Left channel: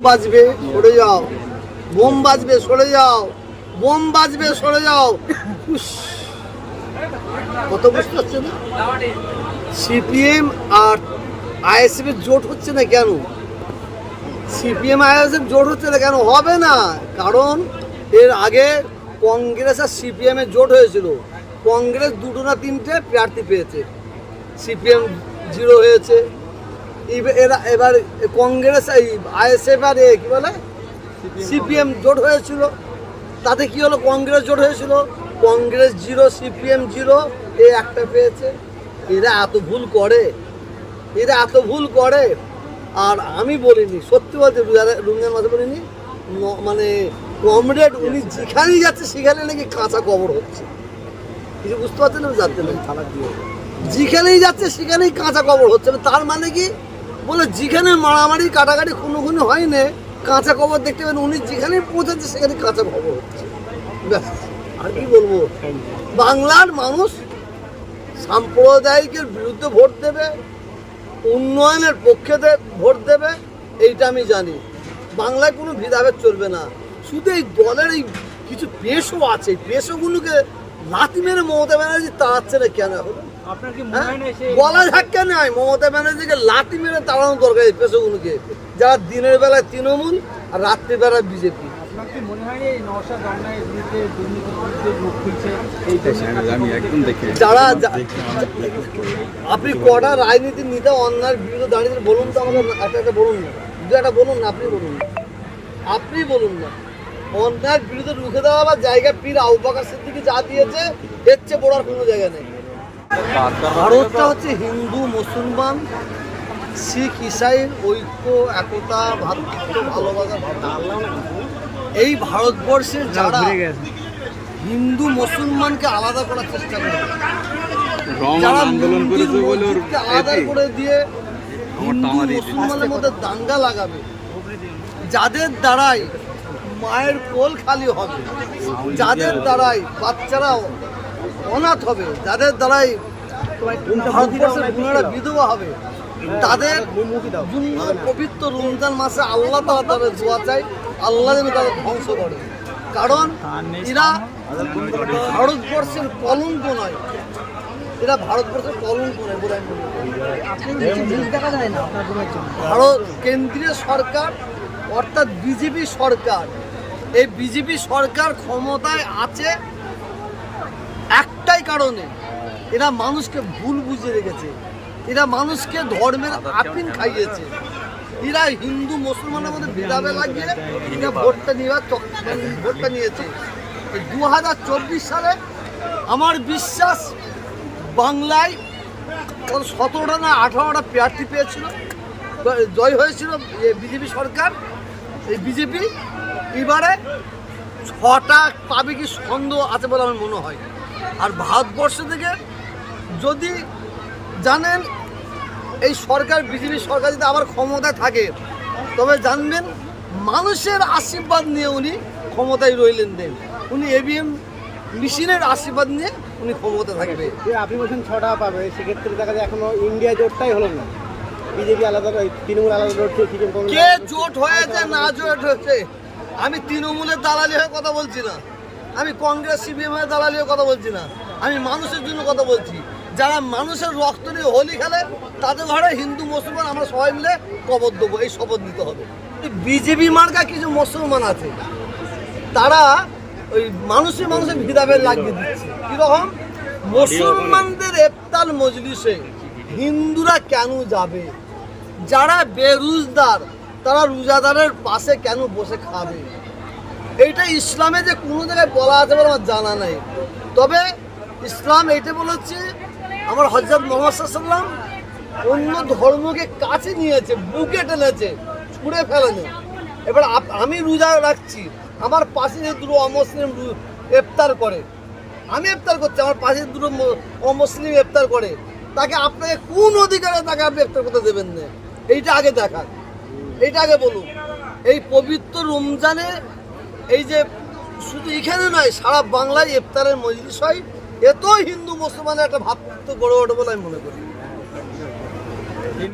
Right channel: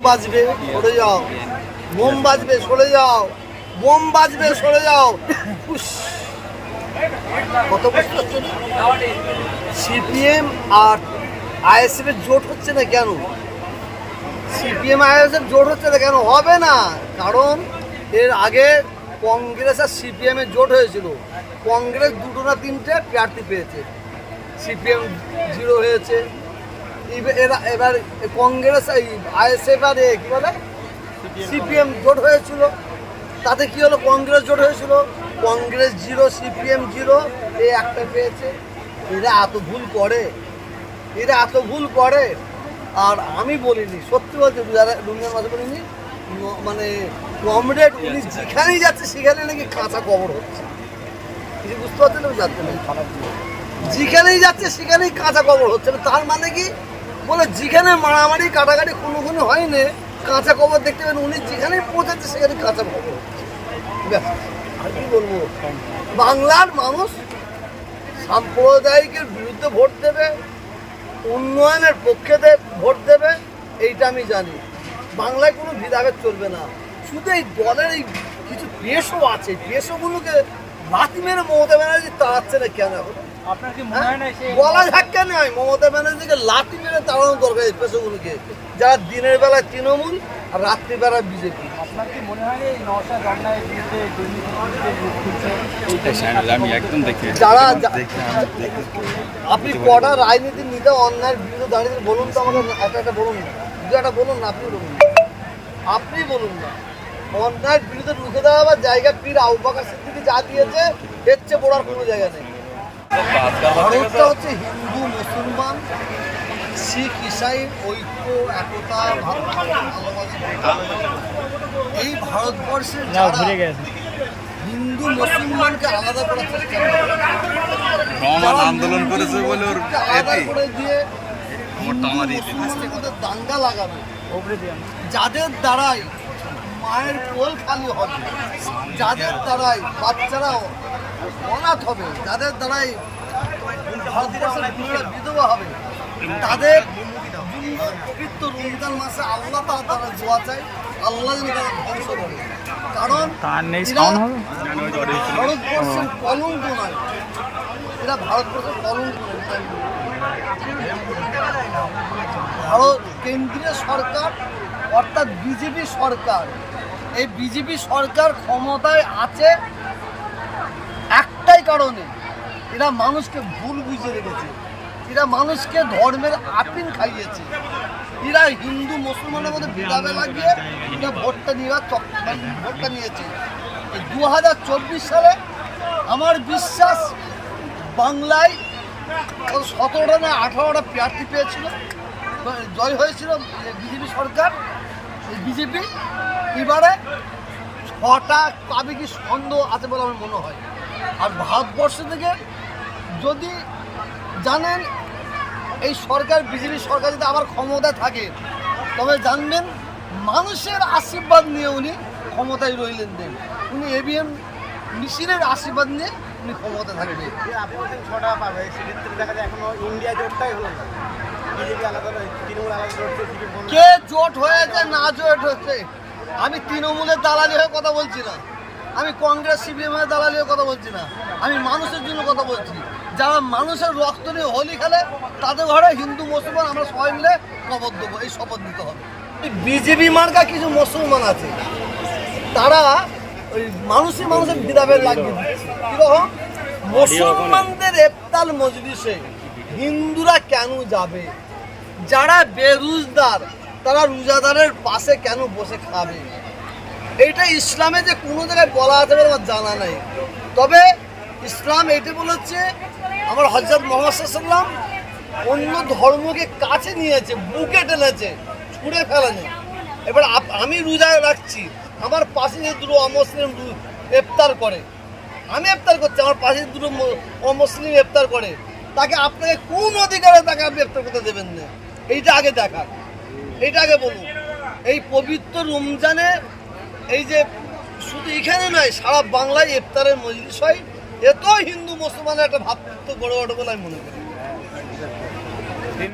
বাজবে, সরে যাও। বোম বাজবে, সরে যাও। বোম বাজবে, সরে যাও। কত বুঝতে হচ্ছে না সিপিএম আর আইএসএফ এর জোট হচ্ছে না কেন? সিপিএম আইএসএফ জোট হচ্ছে না কেন? হবে না। কারণ এর আগে কংগ্রেস আর সিপিএম এর জোট হয়েছিল। কংগ্রেস দুটো না তিনটে প্রার্থী পেয়েছে। সিপিএম জিরো হয়েছে। এরা এবার কংগ্রেস, এই আইএসএফ আর কি বলে? সিপিএম জোট হয়েছিল। তাতে কি হলো? কংগ্রেস জোট হয়েছিল। কংগ্রেস জিরো, সিপিএম জিরো, এ একটা পেয়েছে। এরা এত ভুল করে। এরা এত ভুল করে। আর আমি বলিনি, সত্যি বলতে রুমিয়ার মাঝে বলিনি মানে কমরেড উনি যেখানেই যাচ্ছে, সেখানে নাকি কাঁচা কবর হচ্ছে। কিছু বুঝতে পারছেন না? যাচ্ছে না যেখানেই যাচ্ছে, সেখানেই কাঁচা কবর হচ্ছে তার মানে কি? বলে যেখানে মারামারি কাটাকাটি কোনো কোনো হয় না কাঁচা কবর দেখতে পাবেন। উনি যেখানেই পৌঁছাচ্ছে সেখানে কাঁচা খবর ব্যাস, আর কি বলব? বাংলার মানুষ সাম্প্রদায়িকের বিরুদ্ধে ভোট দেবে উন্নয়নের পক্ষে ভোট দেবে এইটা আমি জানি। বাংলায় কোনো ভেদাভেদ চলবে না। শুধু এই দলের এই কিছু পেশও আছে। পেশোগুলোকে লাথি মেরে মমতা ব্যানার্জি তাড়াচ্ছে না কেন এখন? বলা ধাক্কা নয় মমতা ব্যানার্জিকে লাঠি মেরে তাড়ানো দরকার এই পেশোগুলোকে। যারা দিনের বেলায় তৃণমূল আর রাত্রিবেলায় বিজেপি। মনে হয় যারা আপনি কটা রাজনীতির নেতা অন্যায়ের বিরুদ্ধে দাঁড়িয়ে বলুন তো আমাকে একটা একটা বলুন না। দু একটা বলুন না আপনি বলুন না। আপনি বলুন না। অন্যায়ের বিরুদ্ধে রুখে দেওয়া বা জায়গা পীর আউবাকার সিদ্দিকি যা দিয়েছে এর চেয়ে বড় আর কোনো জায়গা নেই। ভারতটা হচ্ছে হিন্দু মুসলমান শিখ ইসাই ঐক্য একতা ভাতৃত্ব ভালোবাসা এই ভারতবর্ষের যারা হিন্দু মুসলমানকে আলাদা করার চেষ্টা করে যারা আন্দোলন করেছে বলে আলাদা করে দিয়ে। মুসলমানের মধ্যে দাঙ্গা লাগাবে যাদের দ্বারাই মায়ের কোল খালি হবে যাদের দ্বারাই বাচ্চারা অনাথ হবে যাদের দ্বারাই ভারতবর্ষের বোনেরা বিধবা হবে। তাদের জন্য পবিত্র রমজান মাসে আল্লাহ তারা তাদের দোয়া চাই আল্লাহ যেন তাদের ধ্বংস করে। কারণ এরা ভারতবর্ষের কলঙ্ক নয়। এরা ভারতবর্ষের কলঙ্ক নয়। ভারত কেন্দ্রীয় সরকার অর্থাৎ বিজেপি সরকার এই বিজেপি সরকার ক্ষমতায় আছে একটাই কারণে। এরা মানুষকে ভুল বুঝে রেখেছে। এরা মানুষকে ধর্মের আপিন খাইয়েছে। এরা হিন্দু, মুসলমানের মধ্যে ভেদাভেদ লাগিয়ে এরা ভোটটা নেওয়ার ভোটটা নিয়েছে। এই দু হাজার চব্বিশ সালে আমার বিশ্বাস বাংলায় সতেরোটা না আঠারোটা প্রার্থী পেয়েছিল। জয় হয়েছিল বিজেপি সরকার। এই বিজেপি এবারে ছটা পাবে কি সন্দেহ আছে বলে আমার মনে হয়। আর ভারতবর্ষ থেকে যদি জানেন এই সরকার বিজেপি সরকার যদি আবার ক্ষমতায় থাকে তবে জানবেন মানুষের আশীর্বাদ নিয়ে উনি ক্ষমতায় রইলেন দেন। উনি এবিএম মেশিনের আশীর্বাদ নিয়ে উনি ক্ষমতা থাকবে। আপনি বলছেন ছটা পাবে সেক্ষেত্রে দেখা যায় এখনও ইন্ডিয়া জোটটাই হলো না। বিজেপি আলাদা তৃণমূল আলাদা কে জোট হয়েছে না জোট হয়েছে আমি তৃণমূলের দালালি হয়ে কথা বলছি না। আমি কংগ্রেস, সিপিএম এর দালালি কথা বলছি না। আমি মানুষের জন্য কথা বলছি। যারা মানুষের রক্ত নিয়ে হোলি খেলে, তাদের ঘরে হিন্দু, মুসলমান, আমরা সবাই মিলে কবর দেবো, এই শপথ নিতে হবে। বিজেপি মার্কা কিছু মুসলমান আছে। তারা ওই মানুষই মানুষের ভেদাভেদ লাগিয়ে দিচ্ছে। কীরকম? মুসলমানদের এফতাল মজলিসে হিন্দুরা কেন যাবে? যারা বেরুজদার, তারা রোজাদারের পাশে কেন বসে খাবে? এইটা ইসলামে যে কোনো জায়গায় বলা আছে বলে আমার জানা নাই। তবে ইসলাম এইটা বলেছে, আমার হজরত মোহাম্মদ সাল্লাম অন্য ধর্মকে কাছে নিয়েছে, বুকে টেনেছে ছুঁড়ে ফেলেনি। এবার আমি রোজা রাখছি, আমার পাশে যে দুটো অমুসলিম রু- ইফতার করে, আমি ইফতার করছি, আমার পাশে দুটো অমুসলিম ইফতার করে, তাকে আপনাকে কোন অধিকারে তাকে আপনি ইফতার করতে দেবেন না? এইটা আগে দেখা এইটা আগে বলুন। এই পবিত্র রমজানে এই যে শুধু এখানে নয়, সারা বাংলায় ইফতারের মজলিস হয়। এত হিন্দু মুসলমানের একটা ভাতৃত্ব গড়ে ওঠে বলে আমি মনে করি।